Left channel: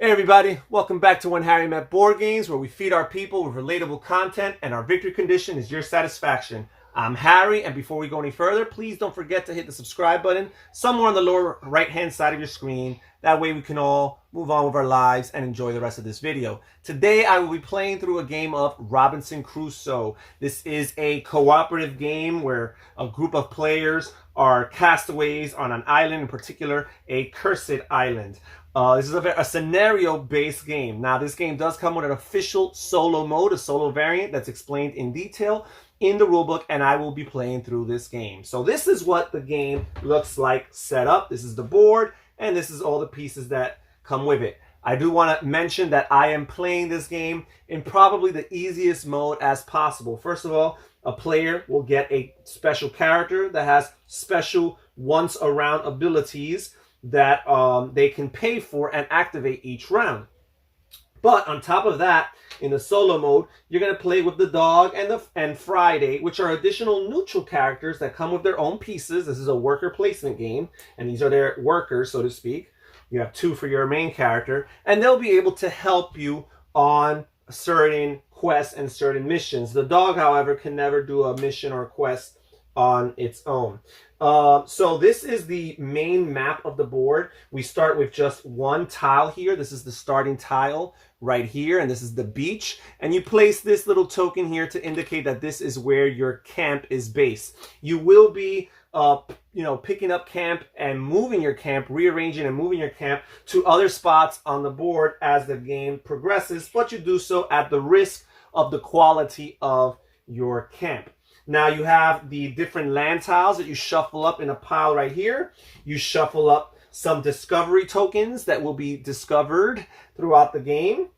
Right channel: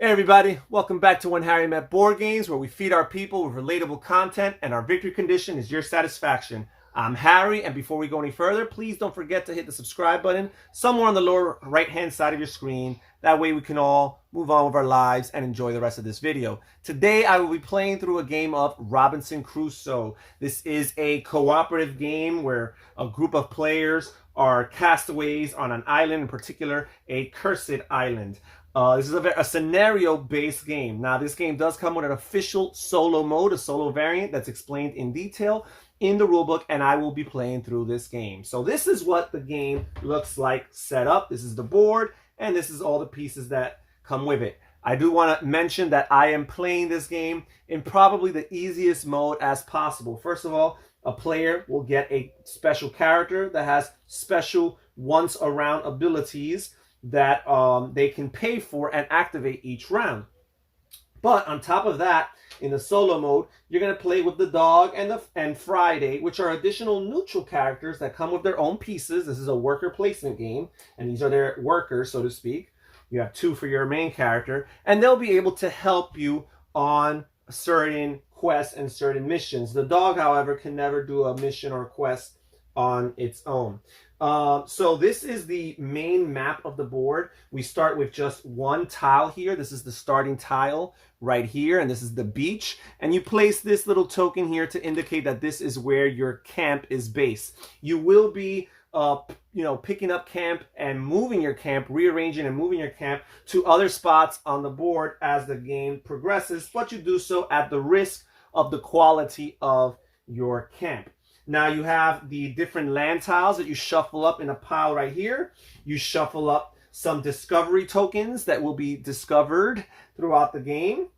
Hey everybody, welcome back to When Harry Met Board Games, where we feed our people with relatable content and our victory condition is your satisfaction. I'm Harry, and before we go any further, please don't forget to hit the subscribe button somewhere on the lower right-hand side of your screen. That way we can all move on with our lives and enjoy the rest of this video. Today I will be playing through a game of Robinson Crusoe. This is a cooperative game where a group of players are castaways on an island, in particular a cursed island. This is a scenario-based game. Now, this game does come with an official solo mode, a solo variant that's explained in detail in the rulebook, and I will be playing through this game. So this is what the game looks like set up. This is the board, and this is all the pieces that come with it. I do want to mention that I am playing this game in probably the easiest mode as possible. First of all, a player will get a special character that has special once-around abilities that they can pay for and activate each round. But on top of that, in the solo mode, you're going to play with the dog and Friday, which are additional neutral characters that come with their own pieces. This is a worker placement game, and these are their workers, so to speak. You have two for your main character, and they'll be able to help you on certain quests and certain missions. The dog, however, can never do a mission or a quest on its own. So this is the main map of the board. We start with just one tile here. This is the starting tile right here, and this is the beach. And you place this little token here to indicate that this is where your camp is based. You will be picking up camp and moving your camp, rearranging and moving your camp to other spots on the board as the game progresses, but you do so at the risk of the quality of your camp. Now you have the different land tiles that you shuffle up in a pile right here. You shuffle up some discovery tokens that will be discovered throughout the game.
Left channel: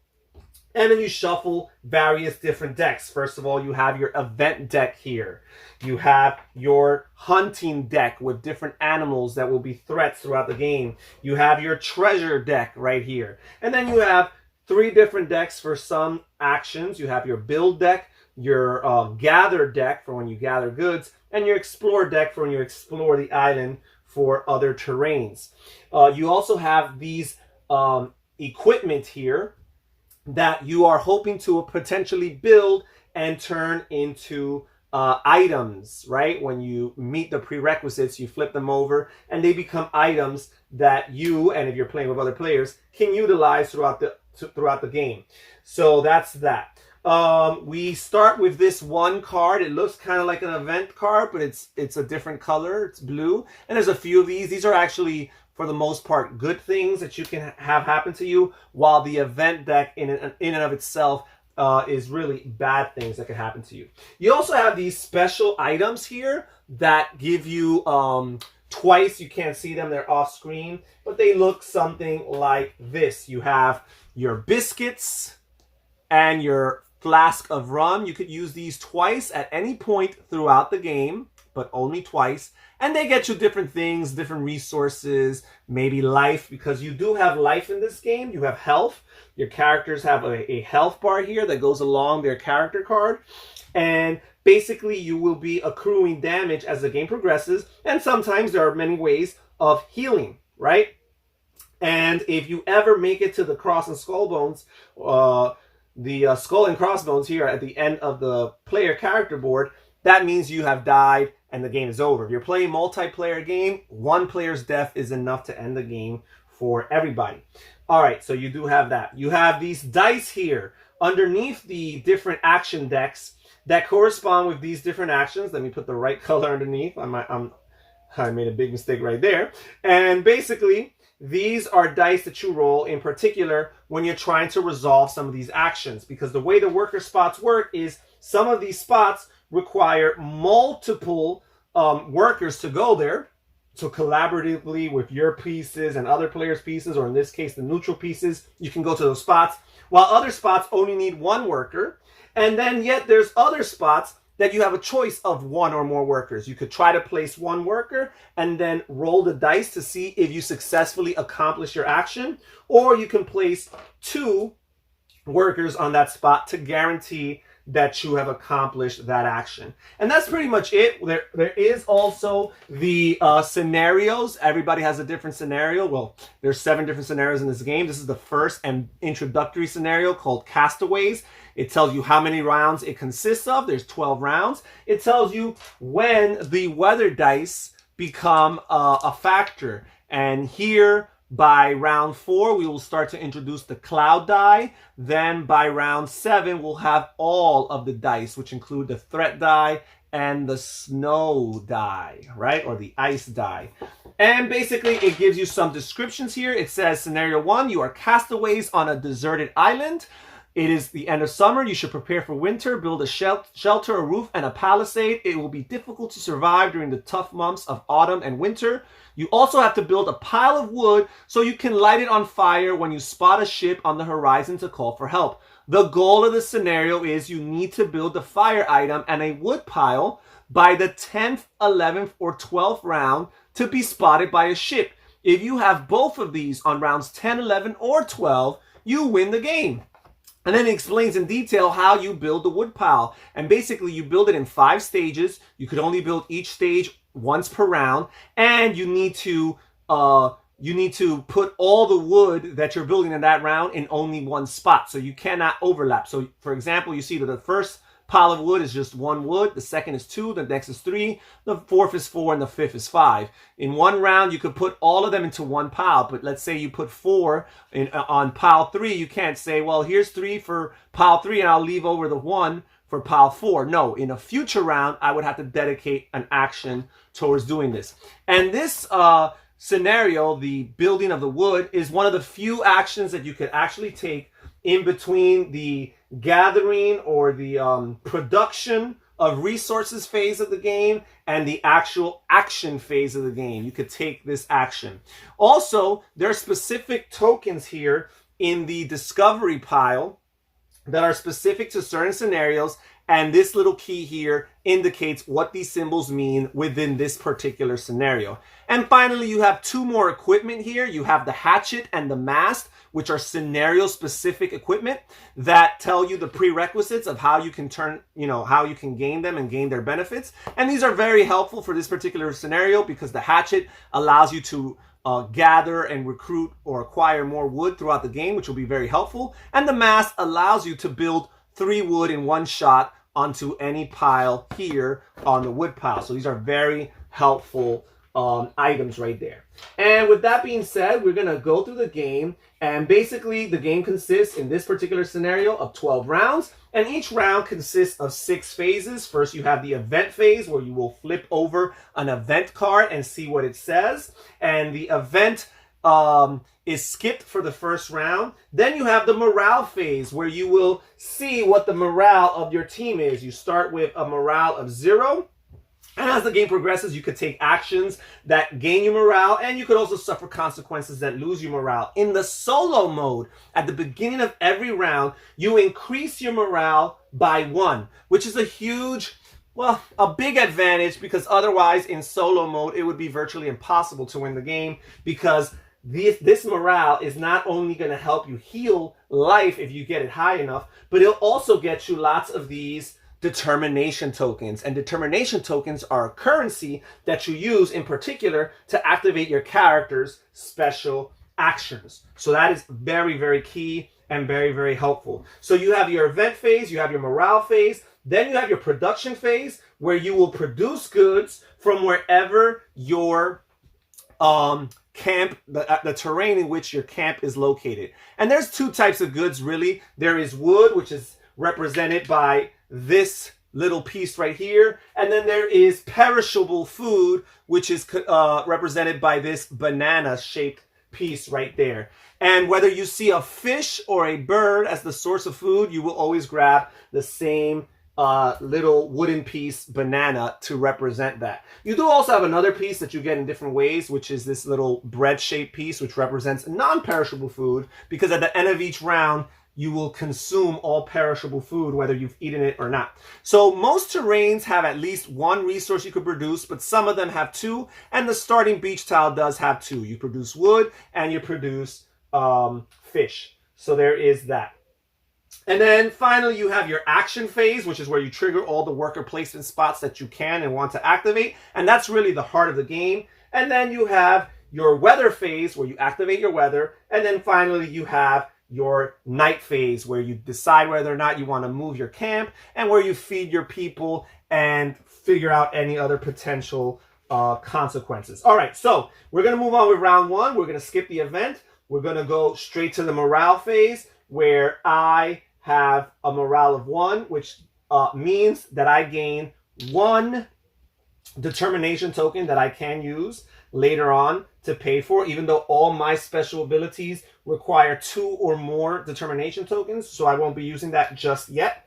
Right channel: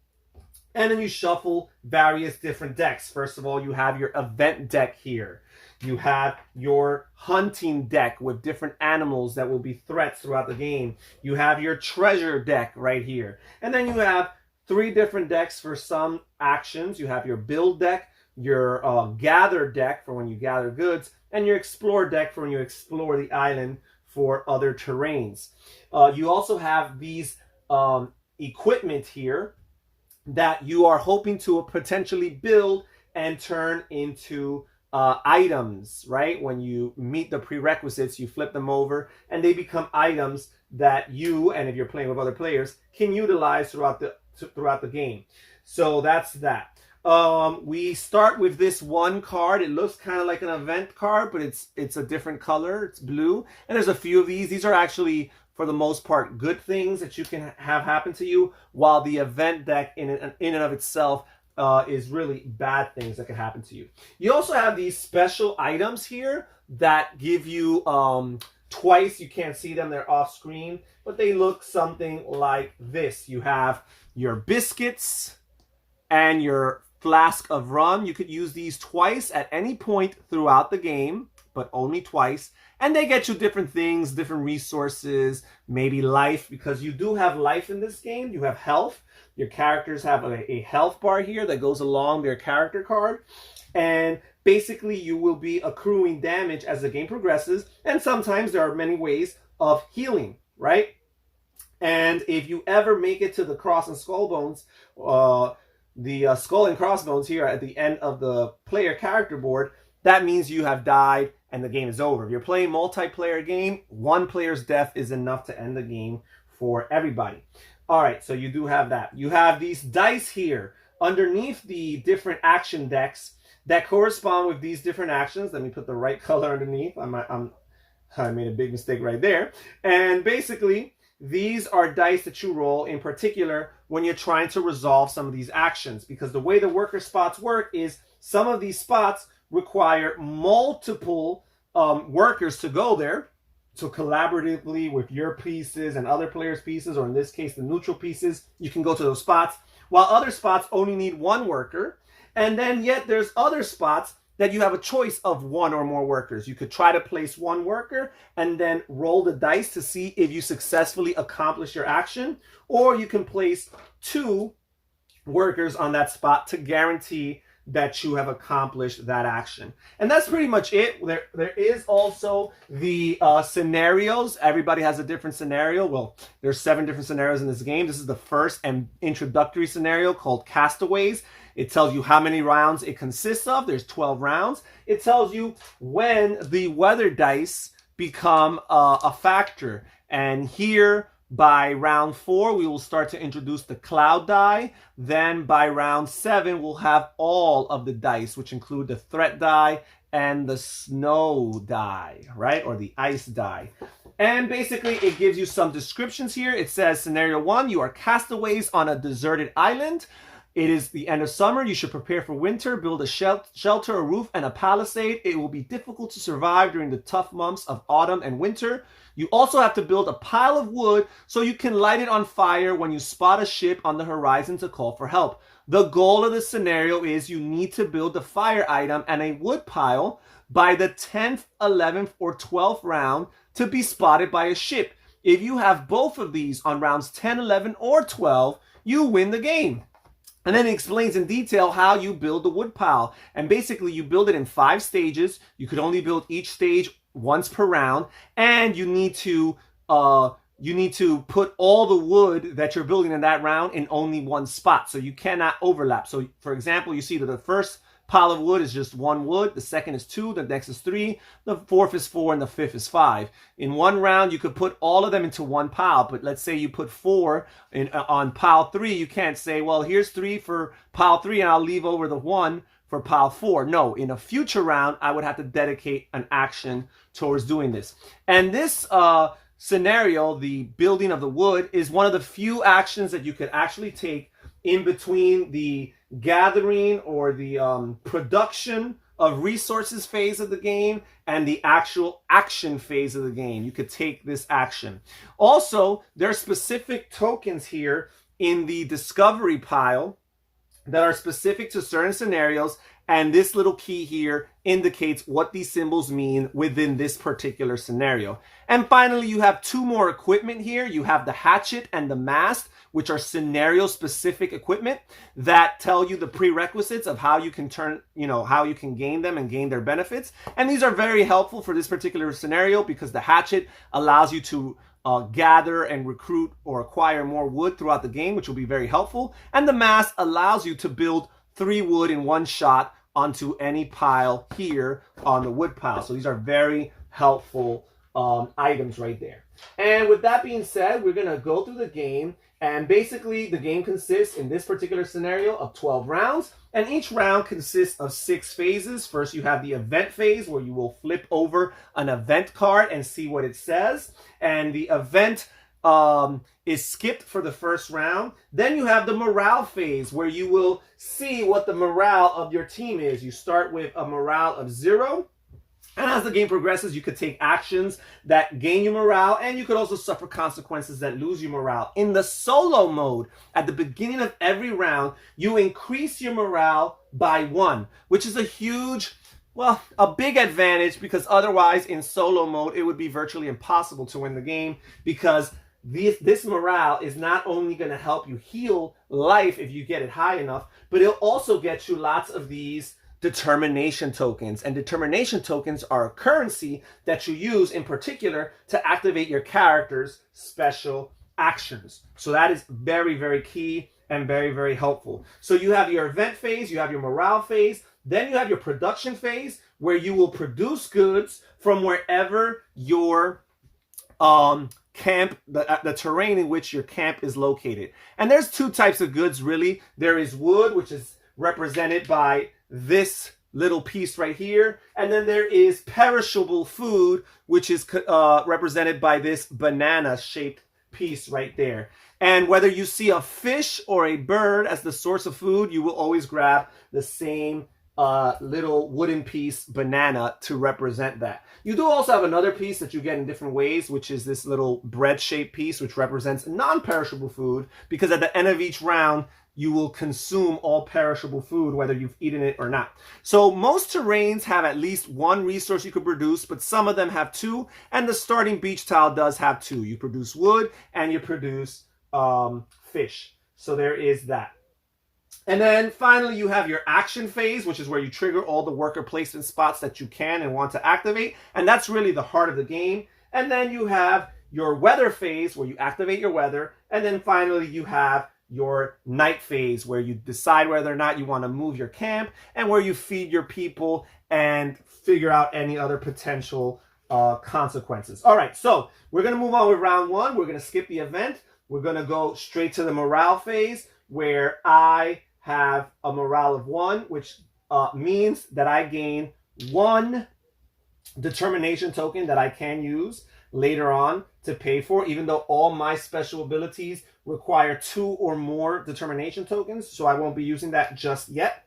And then you shuffle various different decks. First of all, you have your event deck here. You have your hunting deck with different animals that will be threats throughout the game. You have your treasure deck right here. And then you have three different decks for some actions. You have your build deck, your gather deck for when you gather goods, and your explore deck for when you explore the island for other terrains. You also have these equipment here that you are hoping to potentially build and turn into items, right? When you meet the prerequisites, you flip them over and they become items that you, and if you're playing with other players, can utilize throughout the game. So that's that. We start with this one card. It looks kind of like an event card, but it's a different color. It's blue, and there's a few of these. These are actually, for the most part, good things that you can have happen to you, while the event deck in and of itself is really bad things that can happen to you. You also have these special items here that give you twice. You can't see them, they're off screen, but they look something like this. You have your biscuits and your flask of rum. You could use these twice at any point throughout the game, but only twice. And they get you different things, different resources, maybe life, because you do have life in this game. You have health. Your characters have a health bar here that goes along their character card. And basically you will be accruing damage as the game progresses. And sometimes there are many ways of healing, right? And if you ever make it to the cross and skull bones, the skull and crossbones here at the end of the player character board, that means you have died and the game is over. If you're playing multiplayer game, one player's death is enough to end the game for everybody. All right, so you do have that. You have these dice here underneath the different action decks that correspond with these different actions. Let me put the right color underneath. I made a big mistake right there. And basically, these are dice that you roll in particular when you're trying to resolve some of these actions, because the way the worker spots work is some of these spots require multiple workers to go there. So collaboratively with your pieces and other players' pieces, or in this case, the neutral pieces, you can go to those spots, while other spots only need one worker. And then yet there's other spots that you have a choice of one or more workers. You could try to place one worker and then roll the dice to see if you successfully accomplish your action, or you can place two workers on that spot to guarantee that you have accomplished that action. And that's pretty much it. There is also the scenarios. Everybody has a different scenario. Well, there's 7 different scenarios in this game. This is the first and introductory scenario called Castaways. It tells you how many rounds it consists of. There's 12 rounds. It tells you when the weather dice become a factor. And here, by round 4, we will start to introduce the cloud die. Then by round 7, we'll have all of the dice, which include the threat die and the snow die, right? Or the ice die. And basically, it gives you some descriptions here. It says, scenario 1, you are castaways on a deserted island. It is the end of summer. You should prepare for winter, build a shelter, a roof, and a palisade. It will be difficult to survive during the tough months of autumn and winter. You also have to build a pile of wood so you can light it on fire when you spot a ship on the horizon to call for help. The goal of the scenario is you need to build a fire item and a wood pile by the 10th, 11th, or 12th round to be spotted by a ship. If you have both of these on rounds 10, 11, or 12, you win the game. And then it explains in detail how you build the wood pile. And basically, you build it in 5 stages. You could only build each stage once per round. And you need to put all the wood that you're building in that round in only one spot. So you cannot overlap. So, for example, you see that the first pile of wood is just 1 wood. The second is 2. The next is 3. The fourth is 4. And the fifth is 5. In one round, you could put all of them into one pile. But let's say you put 4 on pile 3. You can't say, well, here's 3 for pile 3, and I'll leave over the 1 for pile 4. No, in a future round, I would have to dedicate an action towards doing this. And this scenario, the building of the wood, is one of the few actions that you could actually take in between the gathering or the production of resources phase of the game and the actual action phase of the game. You could take this action. Also, there are specific tokens here in the discovery pile that are specific to certain scenarios, and this little key here indicates what these symbols mean within this particular scenario. And finally, you have 2 more equipment here. You have the hatchet and the mast, which are scenario-specific equipment that tell you the prerequisites of how you can how you can gain them and gain their benefits. And these are very helpful for this particular scenario because the hatchet allows you to gather and recruit or acquire more wood throughout the game, which will be very helpful. And the mast allows you to build 3 wood in one shot onto any pile here on the wood pile. So these are very helpful items right there. And with that being said, we're going to go through the game. And basically, the game consists, in this particular scenario, of 12 rounds. And each round consists of 6 phases. First, you have the event phase, where you will flip over an event card and see what it says. And the event is skipped for the first round. Then you have the morale phase, where you will see what the morale of your team is. You start with a morale of 0. And as the game progresses, you could take actions that gain you morale, and you could also suffer consequences that lose you morale. In the solo mode, at the beginning of every round, you increase your morale by 1, which is a huge, well, a big advantage, because otherwise in solo mode, it would be virtually impossible to win the game, because this morale is not only going to help you heal life if you get it high enough, but it'll also get you lots of these determination tokens. And determination tokens are a currency that you use in particular to activate your character's special actions. So that is very, very key and very, very helpful. So you have your event phase, you have your morale phase, then you have your production phase, where you will produce goods from wherever your camp, the terrain in which your camp is located. And there's 2 types of goods, really. There is wood, which is represented by this little piece right here. And then there is perishable food, which is represented by this banana-shaped piece right there. And whether you see a fish or a bird as the source of food, you will always grab the same little wooden piece, banana, to represent that. You do also have another piece that you get in different ways, which is this little bread-shaped piece, which represents non-perishable food, because at the end of each round, you will consume all perishable food, whether you've eaten it or not. So most terrains have at least 1 resource you could produce, but some of them have 2, and the starting beach tile does have 2. You produce wood and you produce fish. So there is that. And then finally, you have your action phase, which is where you trigger all the worker placement spots that you can and want to activate. And that's really the heart of the game. And then you have your weather phase, where you activate your weather. And then finally, you have your night phase, where you decide whether or not you want to move your camp and where you feed your people and figure out any other potential consequences. All right, so we're going to move on with round one. We're going to skip the event. We're going to go straight to the morale phase, where I have a morale of 1, which means that I gain 1 determination token that I can use later on to pay for, even though all my special abilities require 2 or more determination tokens, so I won't be using that just yet.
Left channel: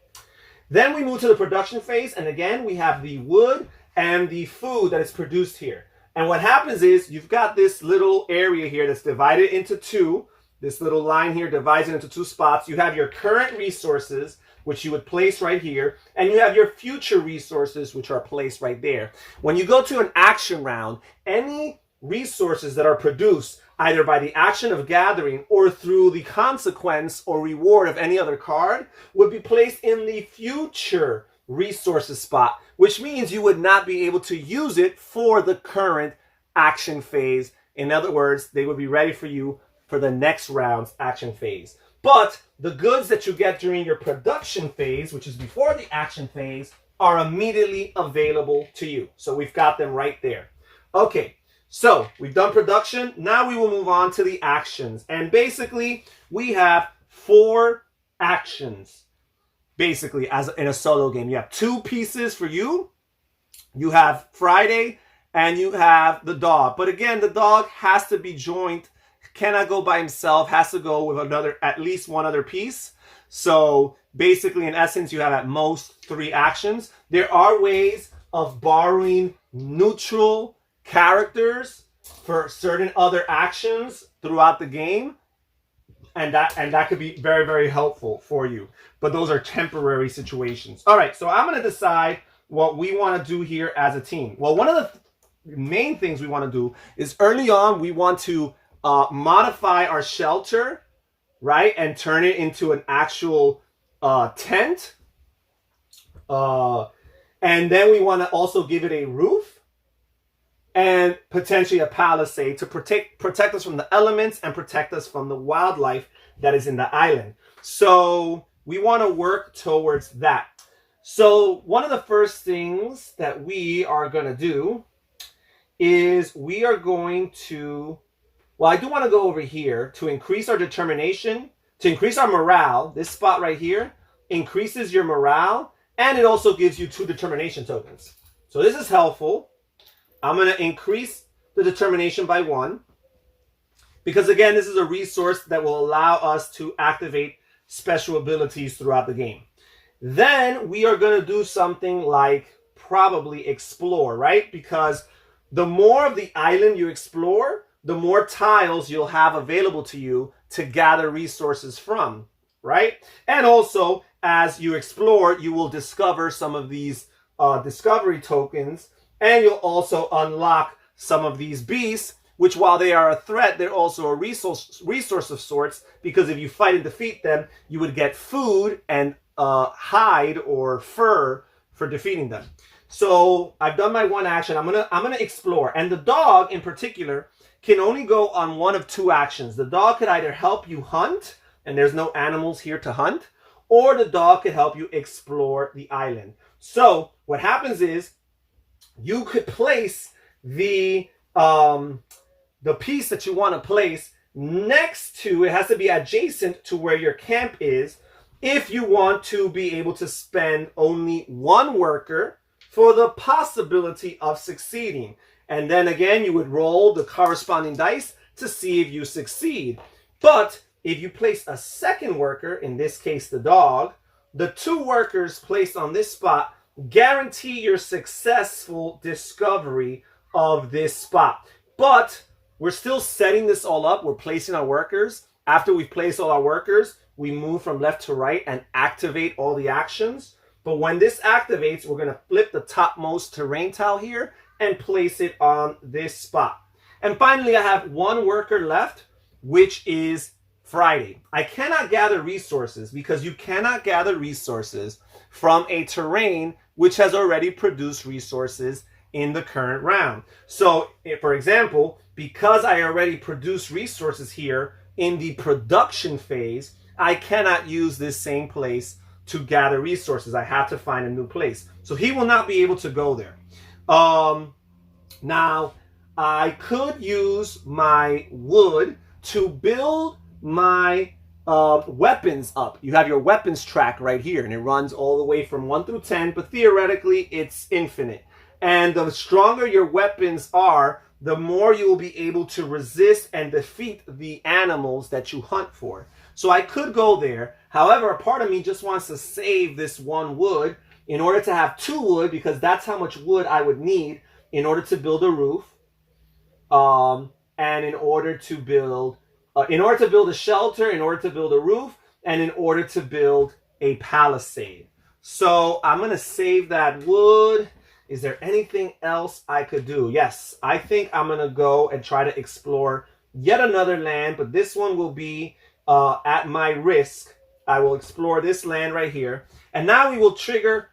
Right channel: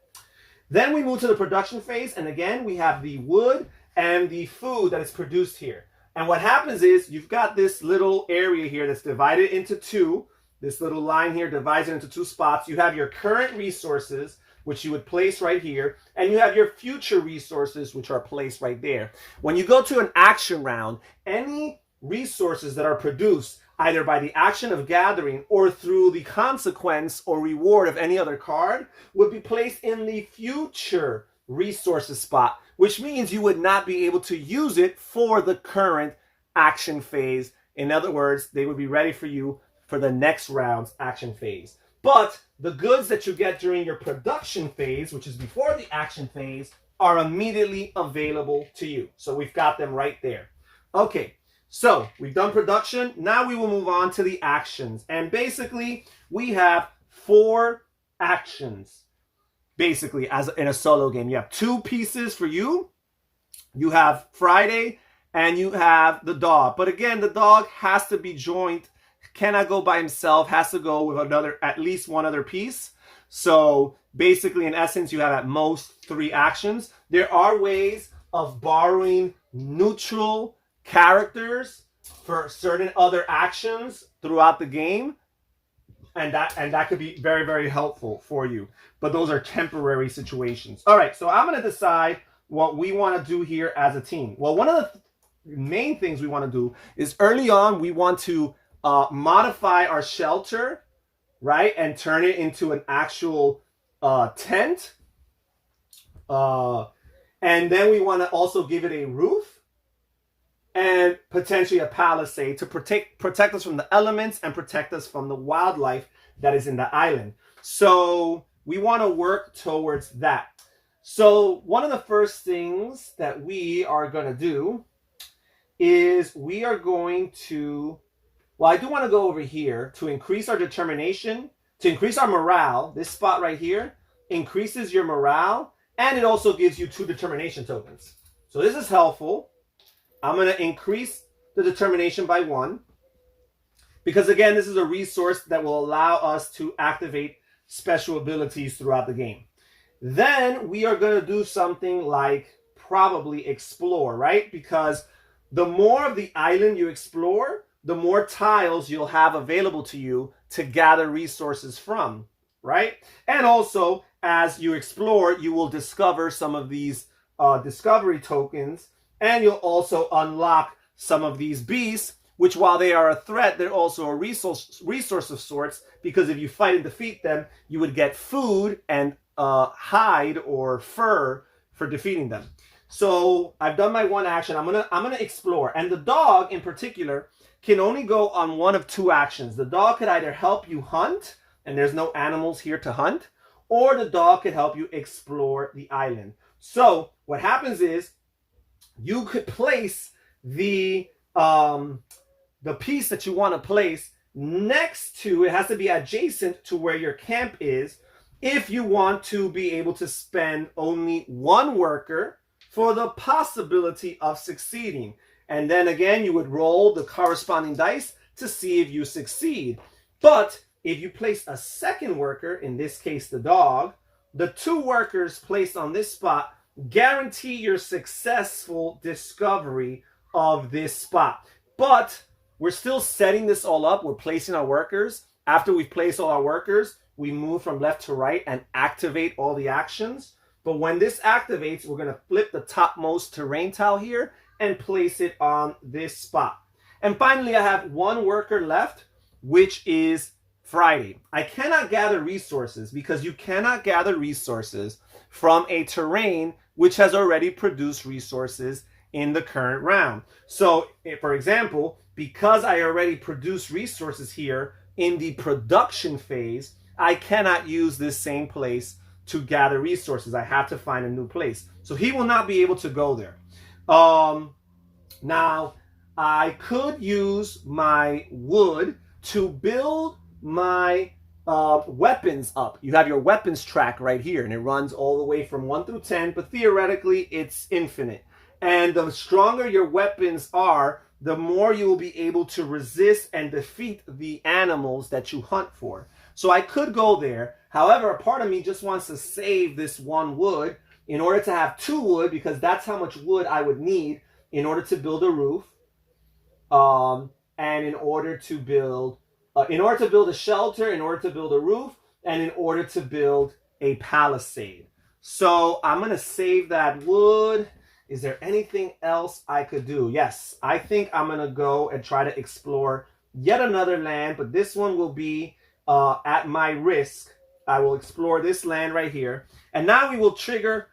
Then we move to the production phase, and again, we have the wood and the food that is produced here. And what happens is you've got this little area here that's divided into 2. This little line here divides it into 2 spots. You have your current resources, which you would place right here, and you have your future resources, which are placed right there. When you go to an action round, any resources that are produced either by the action of gathering or through the consequence or reward of any other card would be placed in the future resources spot, which means you would not be able to use it for the current action phase. In other words, they would be ready for you for the next round's action phase. But the goods that you get during your production phase, which is before the action phase, are immediately available to you. So we've got them right there. Okay, so we've done production. Now we will move on to the actions. And basically, we have 4 actions. Basically, as in a solo game, you have 2 pieces for you. You have Friday, and you have the dog. But again, the dog has to be joined, cannot go by himself, has to go with at least 1 other piece. So basically, in essence, you have at most 3 actions. There are ways of borrowing neutral characters for certain other actions throughout the game. And that could be very, very helpful for you. But those are temporary situations. All right, so I'm going to decide what we want to do here as a team. Well, one of the main things we want to do is early on, we want to modify our shelter, right? And turn it into an actual tent. And then we want to also give it a roof and potentially a palisade to protect us from the elements and protect us from the wildlife that is in the island. So we want to work towards that. So one of the first things that we are going to do is we are going to, well, I do want to go over here to increase our determination, to increase our morale. This spot right here increases your morale, and it also gives you 2 determination tokens. So this is helpful. I'm going to increase the determination by 1 because, again, this is a resource that will allow us to activate special abilities throughout the game. Then we are going to do something like probably explore, right? Because the more of the island you explore, the more tiles you'll have available to you to gather resources from, right? And also, as you explore, you will discover some of these discovery tokens, and you'll also unlock some of these beasts, which while they are a threat, they're also a resource of sorts, because if you fight and defeat them, you would get food and hide or fur for defeating them. So I've done my 1 action. I'm gonna explore, and the dog in particular can only go on 1 of 2 actions. The dog could either help you hunt, and there's no animals here to hunt, or the dog could help you explore the island. So what happens is you could place the piece that you want to place next to, it has to be adjacent to where your camp is, if you want to be able to spend only 1 worker for the possibility of succeeding. And then again, you would roll the corresponding dice to see if you succeed. But if you place a 2nd worker, in this case the dog, the 2 workers placed on this spot guarantee your successful discovery of this spot. But we're still setting this all up. We're placing our workers. After we've placed all our workers, we move from left to right and activate all the actions. But when this activates, we're going to flip the topmost terrain tile here and place it on this spot. And finally, I have 1 worker left, which is Friday. I cannot gather resources because you cannot gather resources from a terrain which has already produced resources in the current round. So, for example, because I already produced resources here in the production phase, I cannot use this same place to gather resources. I have to find a new place. So he will not be able to go there. Now, I could use my wood to build my weapons up. You have your weapons track right here, and it runs all the way from 1 through 10, but theoretically it's infinite. And the stronger your weapons are, the more you will be able to resist and defeat the animals that you hunt for. So I could go there. However, a part of me just wants to save this one wood in order to have 2 wood, because that's how much wood I would need in order to build a roof, and in order to build a shelter, in order to build a roof, and in order to build a palisade. So I'm going to save that wood. Is there anything else I could do? Yes, I think I'm going to go and try to explore yet another land, but this one will be at my risk. I will explore this land right here. And now we will trigger,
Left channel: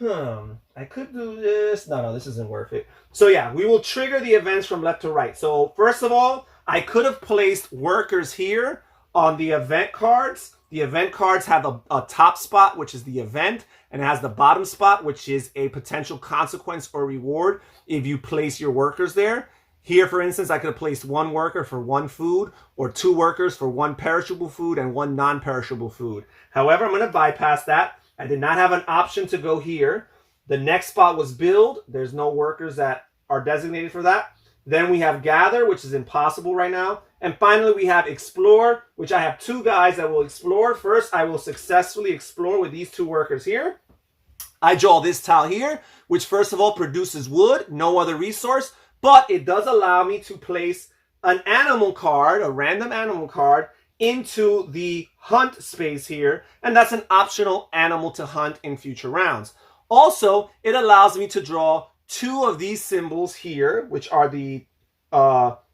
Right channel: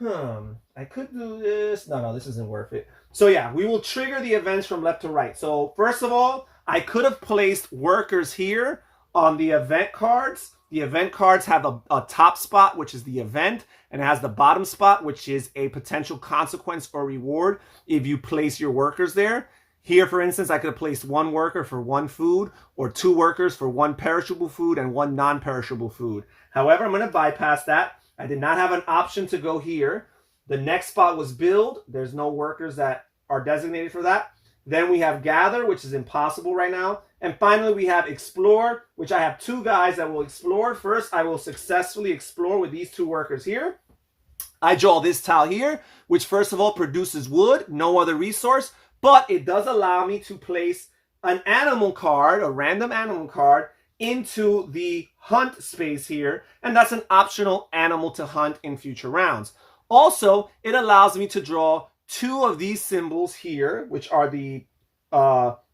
I could do this. No, this isn't worth it. So yeah, we will trigger the events from left to right. So first of all, I could have placed workers here on the event cards. The event cards have a top spot, which is the event, and it has the bottom spot, which is a potential consequence or reward if you place your workers there. Here, for instance, I could have placed 1 worker for 1 food, or 2 workers for 1 perishable food and 1 non-perishable food. However, I'm going to bypass that. I did not have an option to go here. The next spot was build. There's no workers that are designated for that. Then we have gather, which is impossible right now. And finally, we have explore, which I have 2 guys that will explore. First, I will successfully explore with these 2 workers here. I draw this tile here, which first of all produces wood, no other resource, but it does allow me to place an animal card, a random animal card, into the hunt space here, and that's an optional animal to hunt in future rounds. Also, it allows me to draw 2 of these symbols here, which are the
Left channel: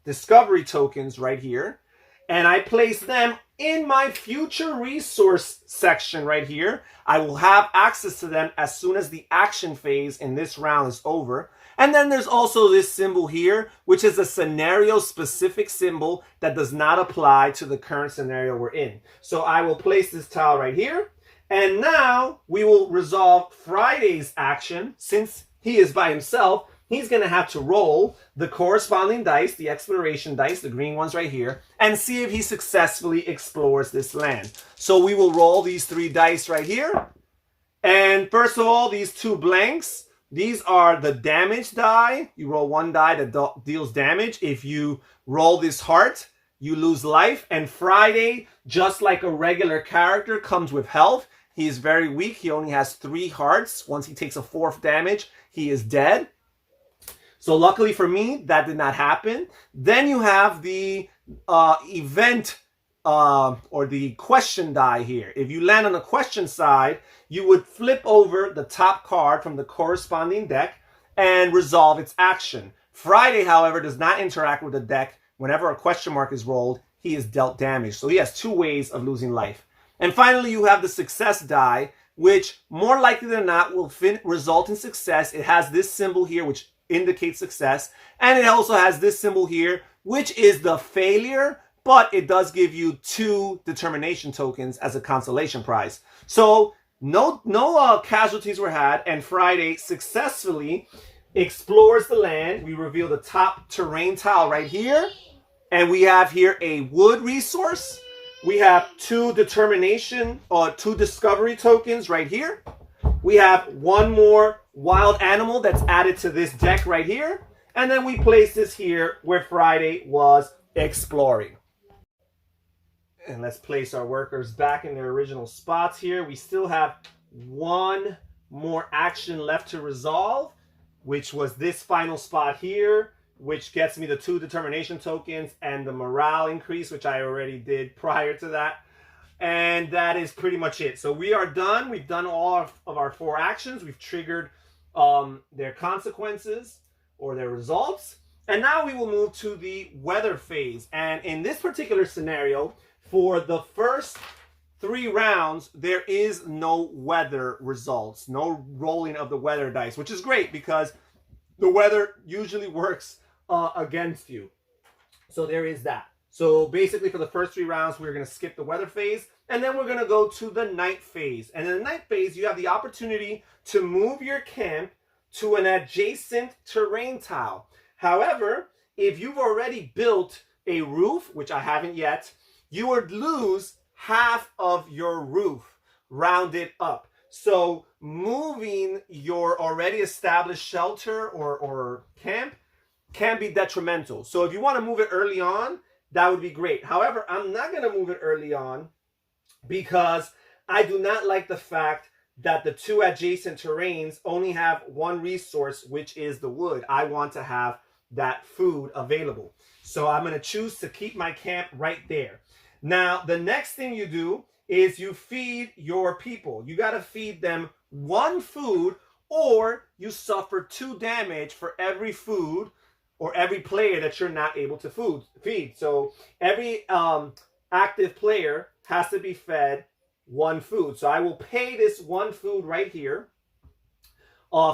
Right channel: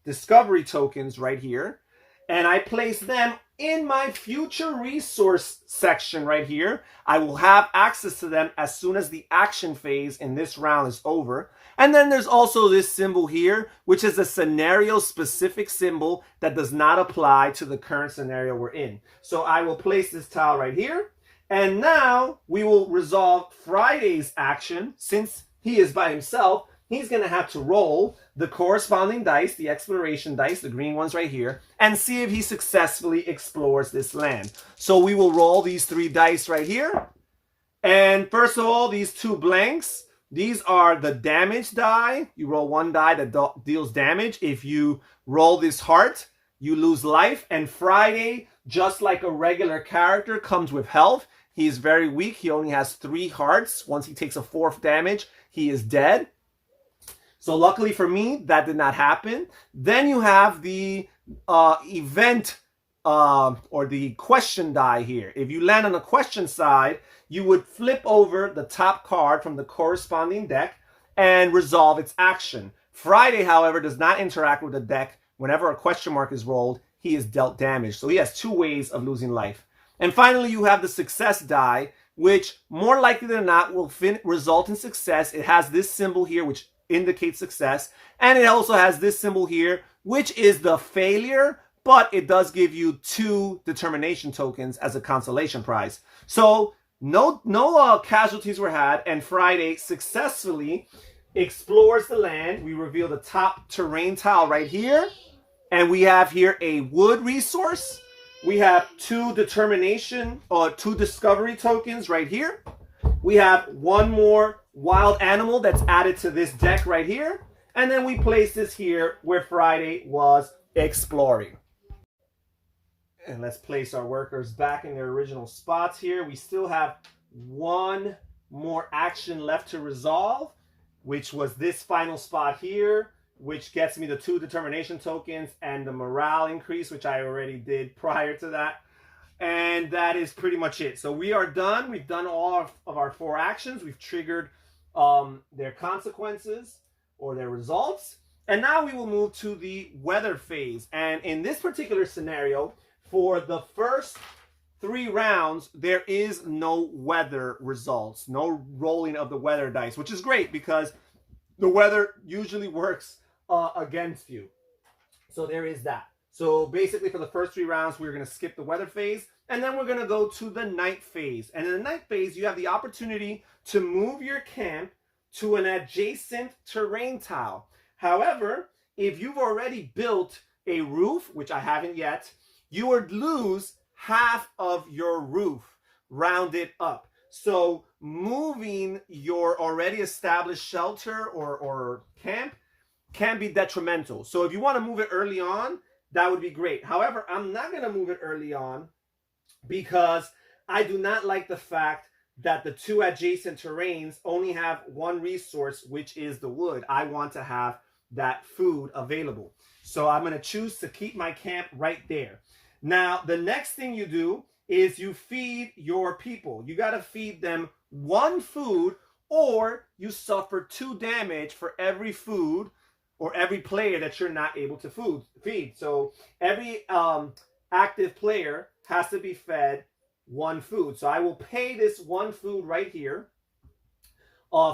discovery tokens right here, and I place them in my future resource section right here. I will have access to them as soon as the action phase in this round is over. And then there's also this symbol here, which is a scenario-specific symbol that does not apply to the current scenario we're in. So I will place this tile right here. And now we will resolve Friday's action. Since he is by himself, he's going to have to roll the corresponding dice, the exploration dice, the green ones right here, and see if he successfully explores this land. So we will roll these 3 dice right here. And first of all, these 2 blanks, these are the damage die. You roll 1 die that deals damage. If you roll this heart, you lose life. And Friday, just like a regular character, comes with health. He is very weak. He only has 3 hearts. Once he takes a 4th damage, he is dead. So luckily for me, that did not happen. Then you have the event or the question die here. If you land on the question side, you would flip over the top card from the corresponding deck and resolve its action. Friday, however, does not interact with the deck. Whenever a question mark is rolled, he is dealt damage. So he has 2 ways of losing life. And finally, you have the success die, which more likely than not will result in success. It has this symbol here, which indicates success. And it also has this symbol here, which is the failure, but it does give you 2 determination tokens as a consolation prize. So no casualties were had, and Friday successfully explores the land. We reveal the top terrain tile right here, and we have here a wood resource. We have 2 determination or 2 discovery tokens right here. We have 1 more wild animal that's added to this deck right here, and then we place this here where Friday was exploring. And let's place our workers back in their original spots here. We still have 1 more action left to resolve, which was this final spot here, which gets me the 2 determination tokens and the morale increase, which I already did prior to that. And that is pretty much it. So we are done. We've done all of our 4 actions. We've triggered their consequences or their results. And now we will move to the weather phase. And in this particular scenario, for the first 3 rounds, there is no weather results, no rolling of the weather dice, which is great because the weather usually works against you. So there is that. So basically for the first 3 rounds, we're going to skip the weather phase, and then we're going to go to the night phase. And in the night phase, you have the opportunity to move your camp to an adjacent terrain tile. However, if you've already built a roof, which I haven't yet, you would lose half of your roof rounded up. So moving your already established shelter or camp can be detrimental. So if you want to move it early on, that would be great. However, I'm not going to move it early on because I do not like the fact that the 2 adjacent terrains only have one resource, which is the wood. I want to have that food available. So I'm going to choose to keep my camp right there. Now, the next thing you do is you feed your people. You got to feed them 1 food, or you suffer 2 damage for every food or every player that you're not able to feed. So every active player has to be fed 1 food. So I will pay this 1 food right here.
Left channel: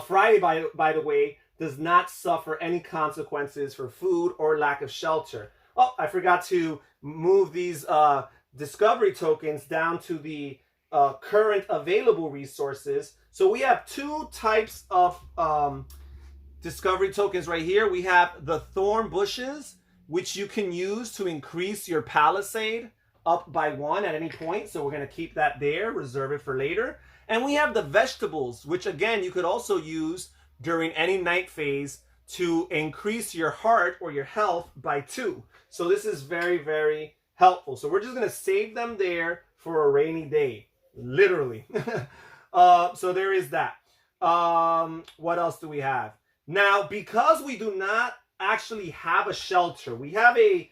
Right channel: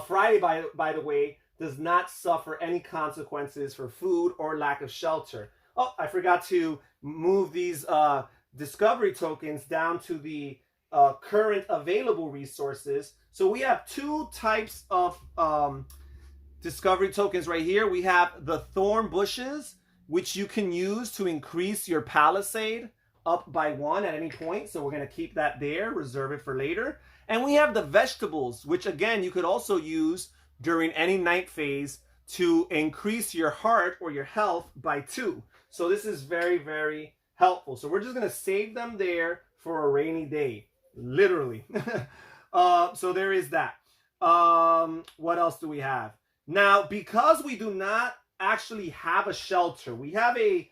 Friday, by the way, does not suffer any consequences for food or lack of shelter. Oh, I forgot to move these discovery tokens down to the current available resources. So we have 2 types of discovery tokens right here. We have the thorn bushes, which you can use to increase your palisade up by 1 at any point. So we're going to keep that there, reserve it for later. And we have the vegetables, which again, you could also use during any night phase to increase your heart or your health by 2. So this is very, very helpful. So we're just going to save them there for a rainy day, literally. So there is that. What else do we have? Now, because we do not actually have a shelter, we have a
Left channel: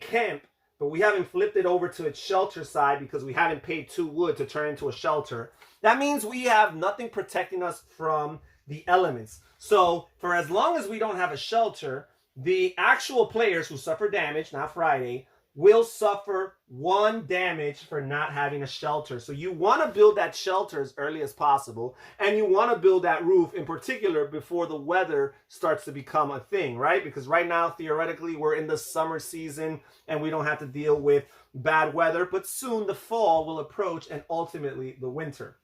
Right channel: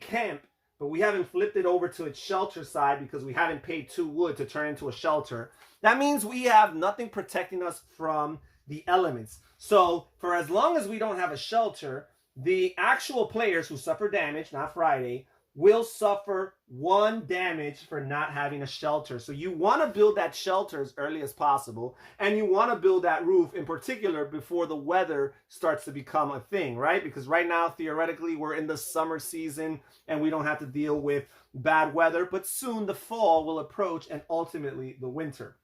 camp, but we haven't flipped it over to its shelter side because we haven't paid 2 wood to turn into a shelter. That means we have nothing protecting us from the elements. So for as long as we don't have a shelter, the actual players who suffer damage, not Friday, will suffer 1 damage for not having a shelter. So you want to build that shelter as early as possible, and you want to build that roof in particular before the weather starts to become a thing, right? Because right now, theoretically, we're in the summer season and we don't have to deal with bad weather, but soon the fall will approach and ultimately the winter.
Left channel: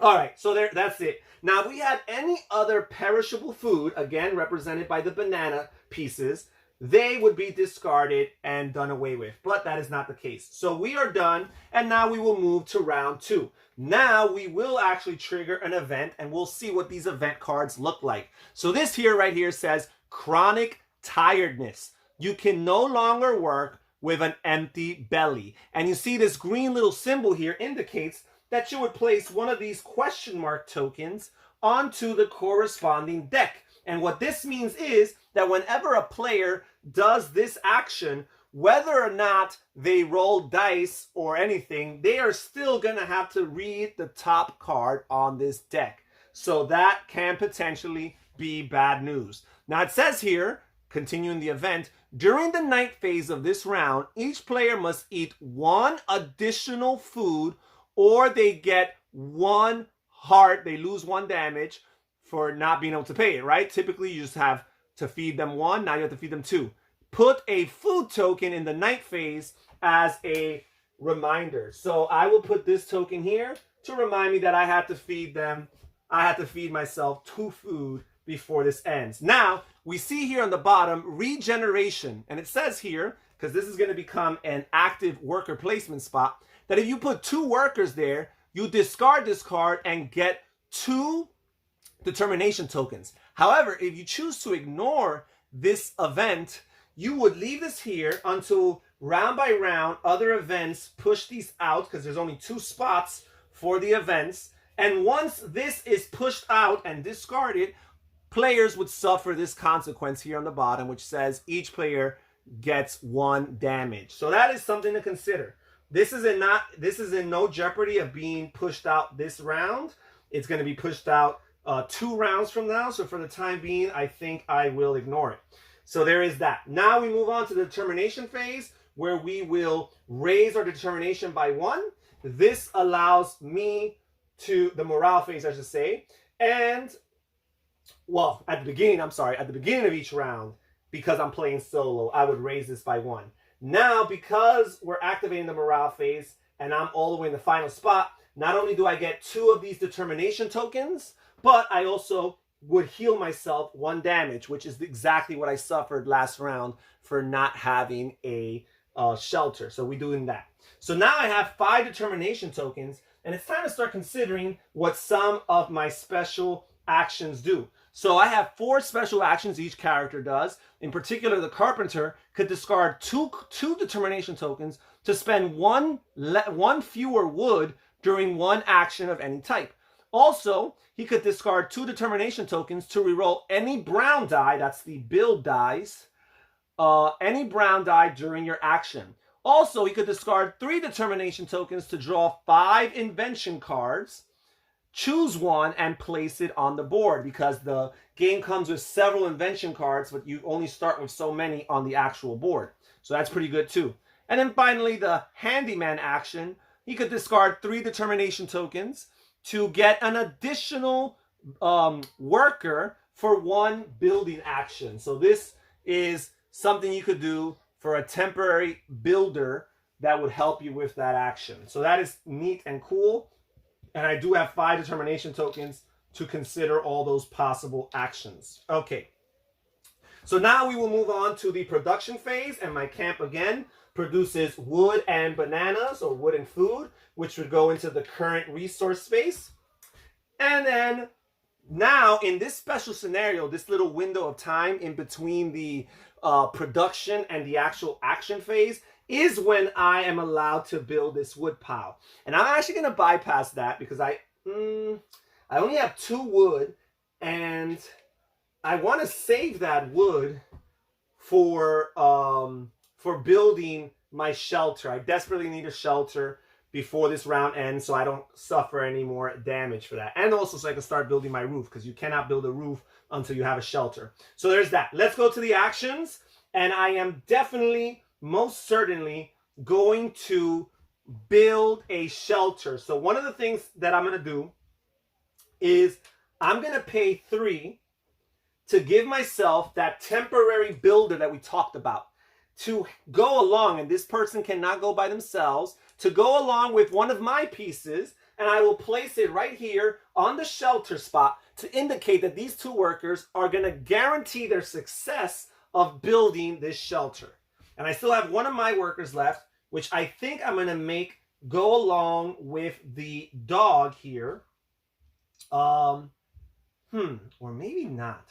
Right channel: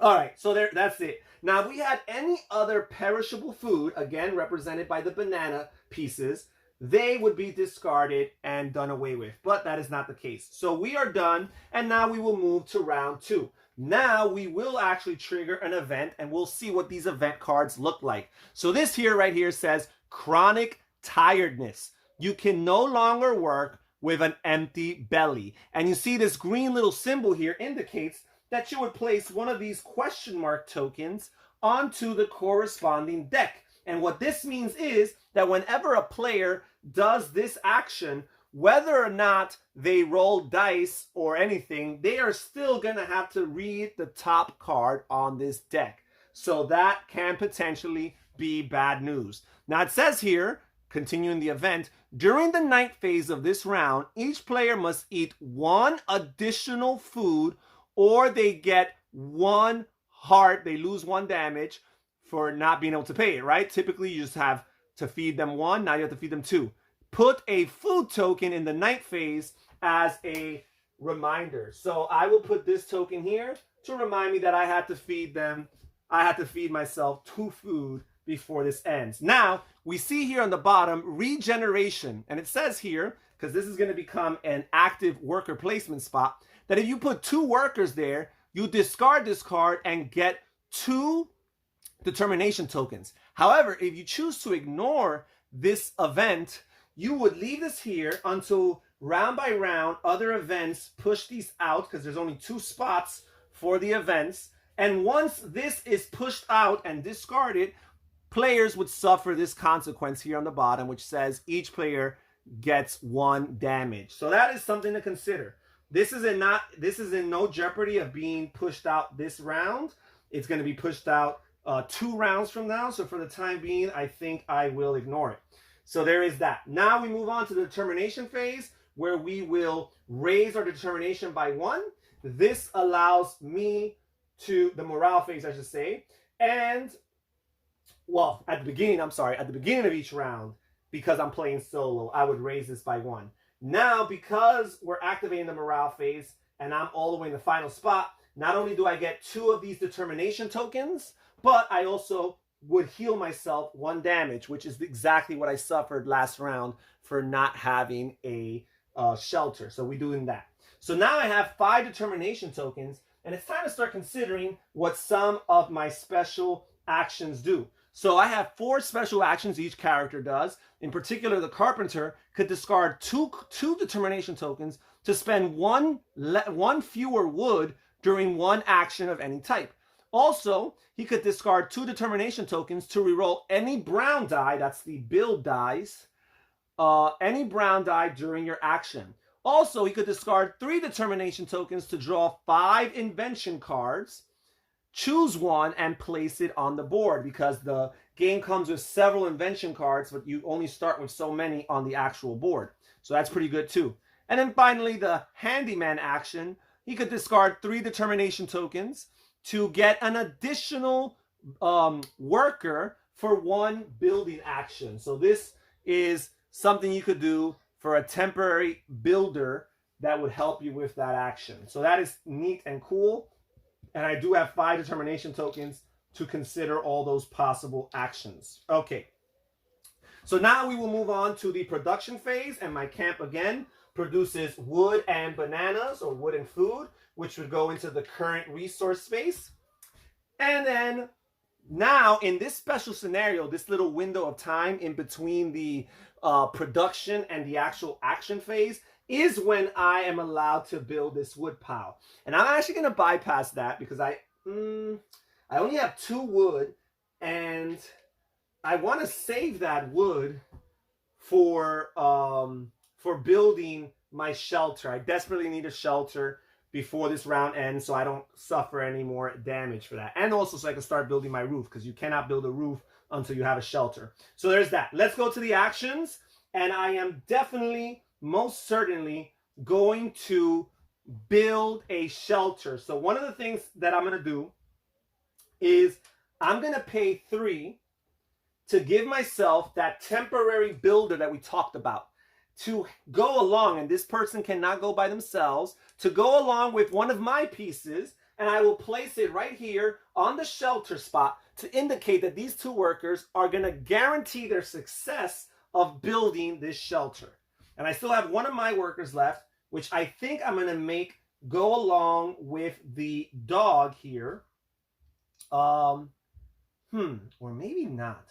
All right, so that's it. Now, if we had any other perishable food, again represented by the banana pieces, they would be discarded and done away with. But that is not the case. So we are done, and now we will move to round 2. Now we will actually trigger an event, and we'll see what these event cards look like. So this here right here says chronic tiredness. You can no longer work with an empty belly. And you see this green little symbol here indicates that you would place one of these question mark tokens onto the corresponding deck. And what this means is that whenever a player does this action, whether or not they roll dice or anything, they are still going to have to read the top card on this deck. So that can potentially be bad news. Now it says here, continuing the event, during the night phase of this round, each player must eat 1 additional food, or they get 1 heart. They lose 1 damage for not being able to pay it, right? Typically, you just have to feed them 1. Now you have to feed them 2. Put a food token in the night phase as a reminder. So I will put this token here to remind me that I have to feed them. I have to feed myself 2 food before this ends. Now, we see here on the bottom, regeneration. And it says here, because this is going to become an active worker placement spot, that if you put 2 workers there, you discard this card and get 2 determination tokens. However, if you choose to ignore this event, you would leave this here until round by round other events push these out, because there's only 2 spots for the events. And once this is pushed out and discarded, players would suffer this consequence here on the bottom, which says each player gets 1 damage. So that is something to consider. This is in no jeopardy of being pushed out this round. It's going to be pushed out 2 rounds from now. So for the time being, I think I will ignore it. So there is that. Now we move on to the determination phase, where we will raise our determination by 1. This allows me to, the morale phase, I should say, and, well, at the beginning of each round, because I'm playing solo, I would raise this by 1. Now, because we're activating the morale phase, and I'm all the way in the final spot, not only do I get 2 of these determination tokens, but I also would heal myself 1 damage, which is exactly what I suffered last round for not having a shelter. So we're doing that. So now I have 5 determination tokens, and it's time to start considering what some of my special actions do. So I have 4 special actions each character does. In particular, the carpenter could discard two determination tokens to spend one fewer wood during 1 action of any type. Also, he could discard 2 determination tokens to reroll any brown die, that's the build dice, any brown die during your action. Also, he could discard 3 determination tokens to draw 5 invention cards, choose 1, and place it on the board, because the game comes with several invention cards, but you only start with so many on the actual board. So that's pretty good too. And then finally, the handyman action, he could discard 3 determination tokens to get an additional worker for 1 building action. So this is something you could do for a temporary builder that would help you with that action. So that is neat and cool. And I do have 5 determination tokens to consider all those possible actions. Okay. So now we will move on to the production phase, and my camp again produces wood and bananas, or wood and food, which would go into the current resource space. And then now in this special scenario, this little window of time in between the production and the actual action phase is when I am allowed to build this wood pile. And I'm actually going to bypass that because I only have 2 wood, and I want to save that wood for building my shelter. I desperately need a shelter before this round ends so I don't suffer any more damage for that. And also so I can start building my roof, because you cannot build a roof until you have a shelter. So there's that. Let's go to the actions. And I am definitely, most certainly, going to build a shelter. So one of the things that I'm going to do is I'm going to pay 3 to give myself that temporary builder that we talked about to go along, and this person cannot go by themselves, to go along with one of my pieces, and I will place it right here on the shelter spot to indicate that these 2 workers are going to guarantee their success of building this shelter. And I still have one of my workers left, which I think I'm going to make go along with the dog here. Or maybe not.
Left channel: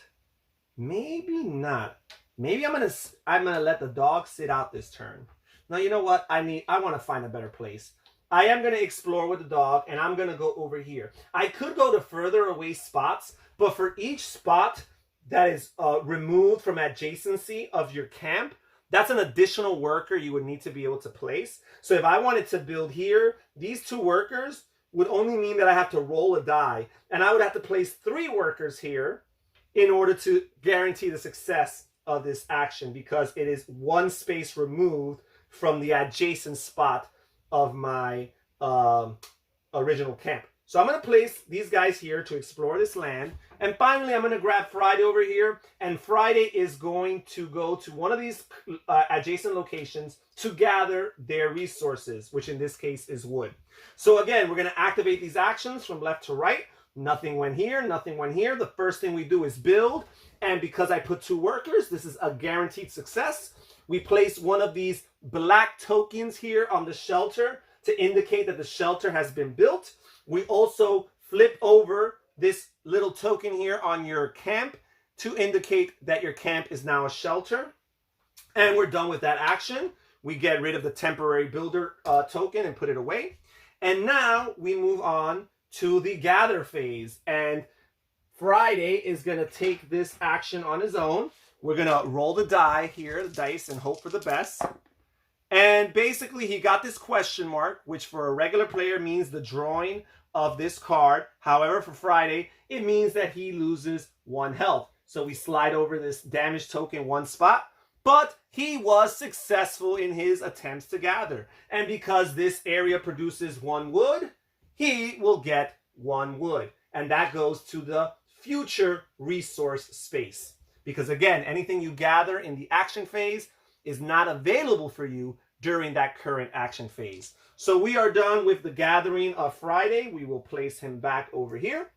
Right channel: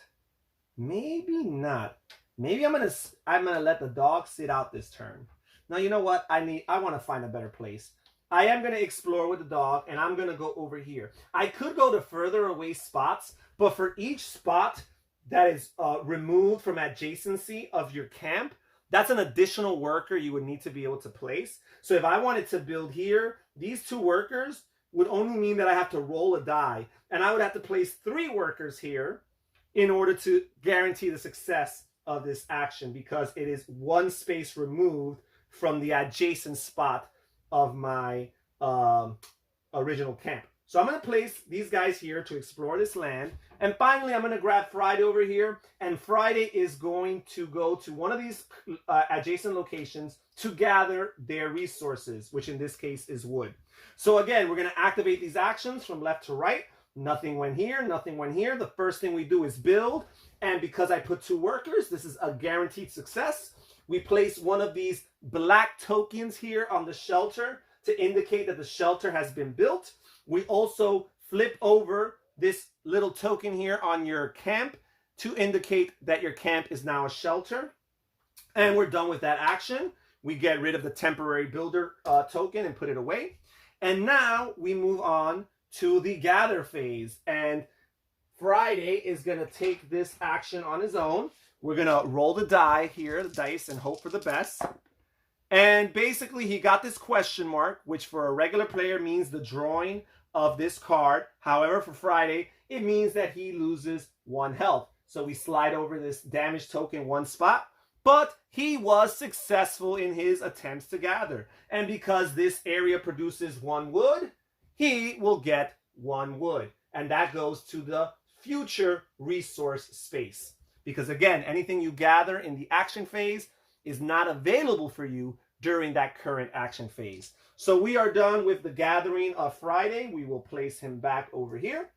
Maybe not. Maybe I'm gonna let the dog sit out this turn. Now, you know what? I want to find a better place. I am going to explore with the dog, and I'm going to go over here. I could go to further away spots, but for each spot that is removed from adjacency of your camp, that's an additional worker you would need to be able to place. So if I wanted to build here, these 2 workers would only mean that I have to roll a die, and I would have to place 3 workers here in order to guarantee the success of this action, because it is 1 space removed from the adjacent spot of my original camp. So I'm going to place these guys here to explore this land. And finally, I'm going to grab Friday over here. And Friday is going to go to one of these adjacent locations to gather their resources, which in this case is wood. So again, we're going to activate these actions from left to right. Nothing went here, nothing went here. The first thing we do is build. And because I put 2 workers, this is a guaranteed success. We place one of these black tokens here on the shelter to indicate that the shelter has been built. We also flip over this little token here on your camp to indicate that your camp is now a shelter. And we're done with that action. We get rid of the temporary builder token and put it away. And now we move on to the gather phase. And Friday is going to take this action on his own. We're going to roll the die here, the dice, and hope for the best. And basically, he got this question mark, which for a regular player means the drawing of this card. However, for Friday, it means that he loses 1 health. So we slide over this damage token 1 spot, but he was successful in his attempts to gather. And because this area produces 1 wood, he will get 1 wood. And that goes to the future resource space. Because again, anything you gather in the action phase is not available for you during that current action phase. So we are done with the gathering of Friday. We will place him back over here.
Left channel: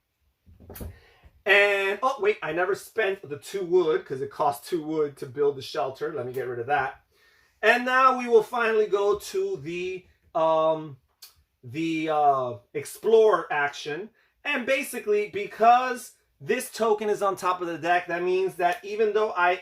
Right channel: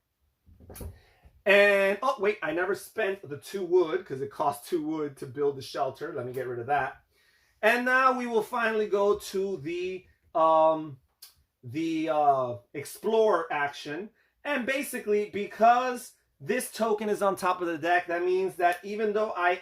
And, oh, wait, I never spent the 2 wood because it costs 2 wood to build the shelter. Let me get rid of that. And now we will finally go to the explore action. And basically, because this token is on top of the deck, that means that even though I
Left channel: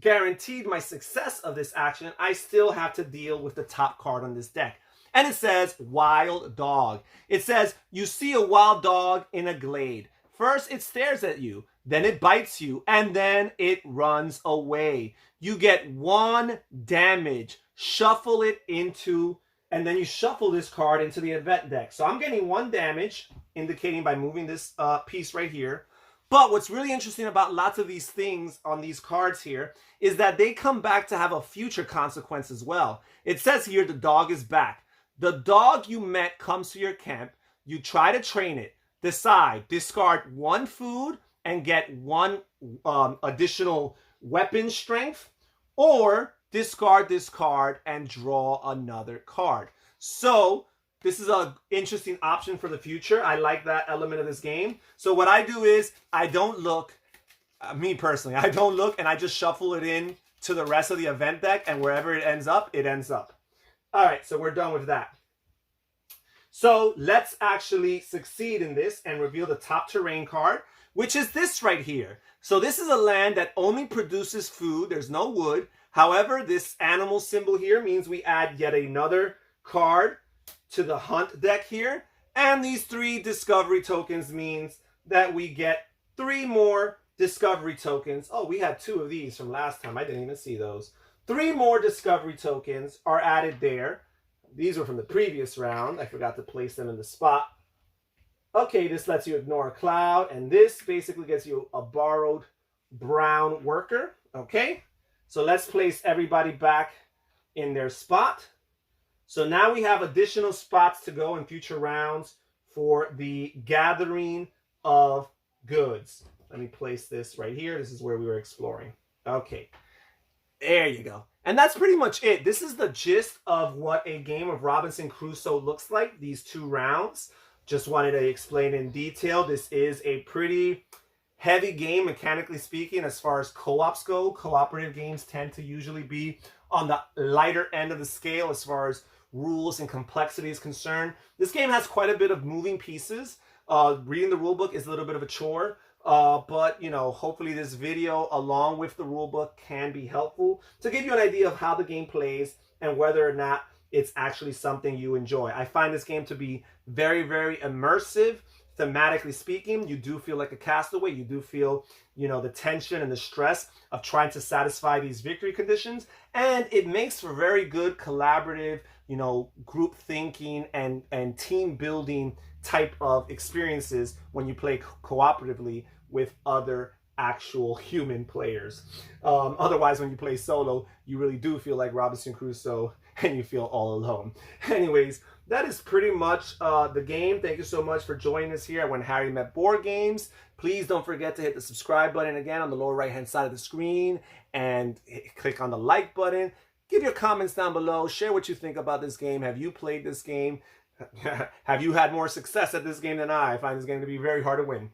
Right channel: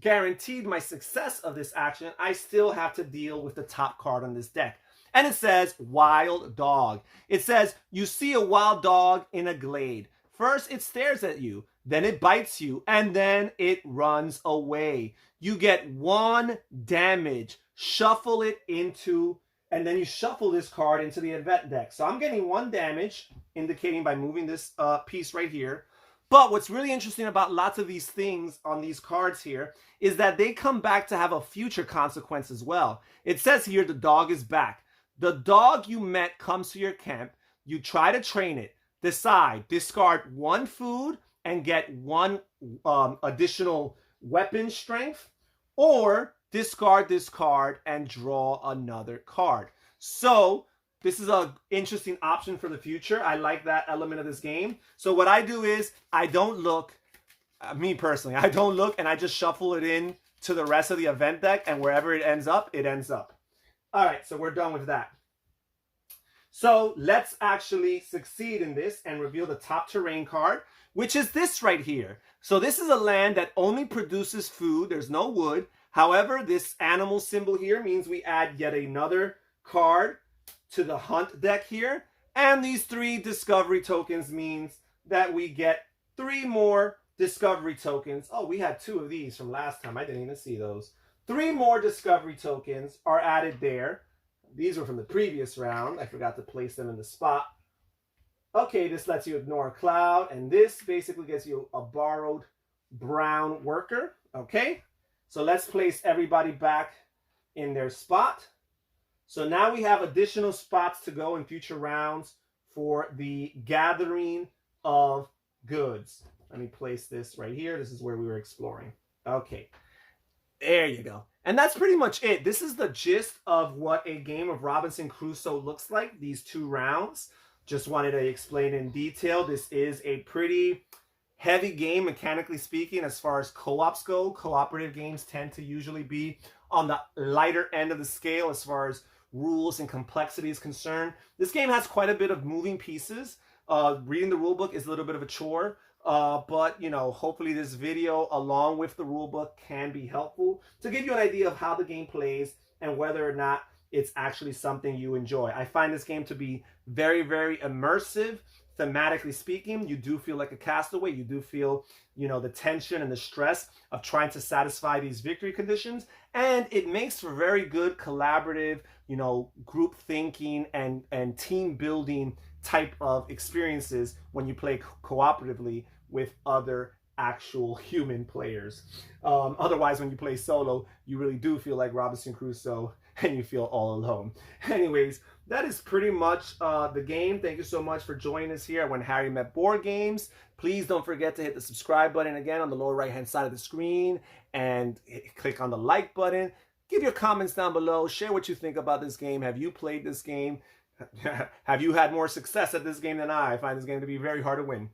guaranteed my success of this action, I still have to deal with the top card on this deck. And it says wild dog. It says you see a wild dog in a glade. First, it stares at you, then it bites you, and then it runs away. You get 1 damage. Shuffle it into, and then you shuffle this card into the event deck. So I'm getting 1 damage, indicating by moving this piece right here. But what's really interesting about lots of these things on these cards here is that they come back to have a future consequence as well. It says here the dog is back. The dog you met comes to your camp. You try to train it. Decide, discard 1 food and get 1 additional weapon strength, or discard this card and draw another card. So this is an interesting option for the future. I like that element of this game. So what I do is I don't look, me personally, I don't look and I just shuffle it in to the rest of the event deck, and wherever it ends up, it ends up. All right, so we're done with that. So let's actually succeed in this and reveal the top terrain card, which is this right here. So this is a land that only produces food. There's no wood. However, this animal symbol here means we add yet another card to the hunt deck here. And these 3 discovery tokens means that we get 3 more discovery tokens. Oh, we had 2 of these from last time. I didn't even see those. 3 more discovery tokens are added there. These were from the previous round. I forgot to place them in the spot. Okay, this lets you ignore a cloud, and this basically gets you a borrowed brown worker. Okay, so let's place everybody back in their spot. So now we have additional spots to go in future rounds for the gathering of goods. Let me place this right here. This is where we were exploring. Okay, there you go. And that's pretty much it. This is the gist of what a game of Robinson Crusoe looks like, these 2 rounds. Just wanted to explain in detail. This is a pretty heavy game, mechanically speaking, as far as co-ops go. Cooperative games tend to usually be on the lighter end of the scale as far as rules and complexity is concerned. This game has quite a bit of moving pieces. Reading the rule book is a little bit of a chore. But, you know, hopefully this video, along with the rulebook, can be helpful to give you an idea of how the game plays and whether or not it's actually something you enjoy. I find this game to be very, very immersive. Thematically speaking, you do feel like a castaway. You do feel, you know, the tension and the stress of trying to satisfy these victory conditions. And it makes for very good collaborative, you know, group thinking and team building type of experiences when you play cooperatively with other actual human players. Otherwise, when you play solo, you really do feel like Robinson Crusoe and you feel all alone. Anyways, that is pretty much the game. Thank you so much for joining us here at When Harry Met Board Games. Please don't forget to hit the subscribe button again on the lower right hand side of the screen and click on the like button. Give your comments down below. Share what you think about this game. Have you played this game? Have you had more success at this game than I? I find this game to be very hard to win.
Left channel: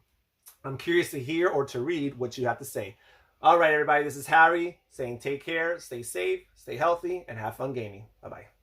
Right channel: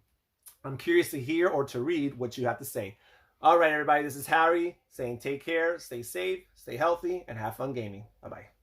I'm curious to hear or to read what you have to say. All right, everybody, this is Harry saying take care, stay safe, stay healthy, and have fun gaming. Bye-bye.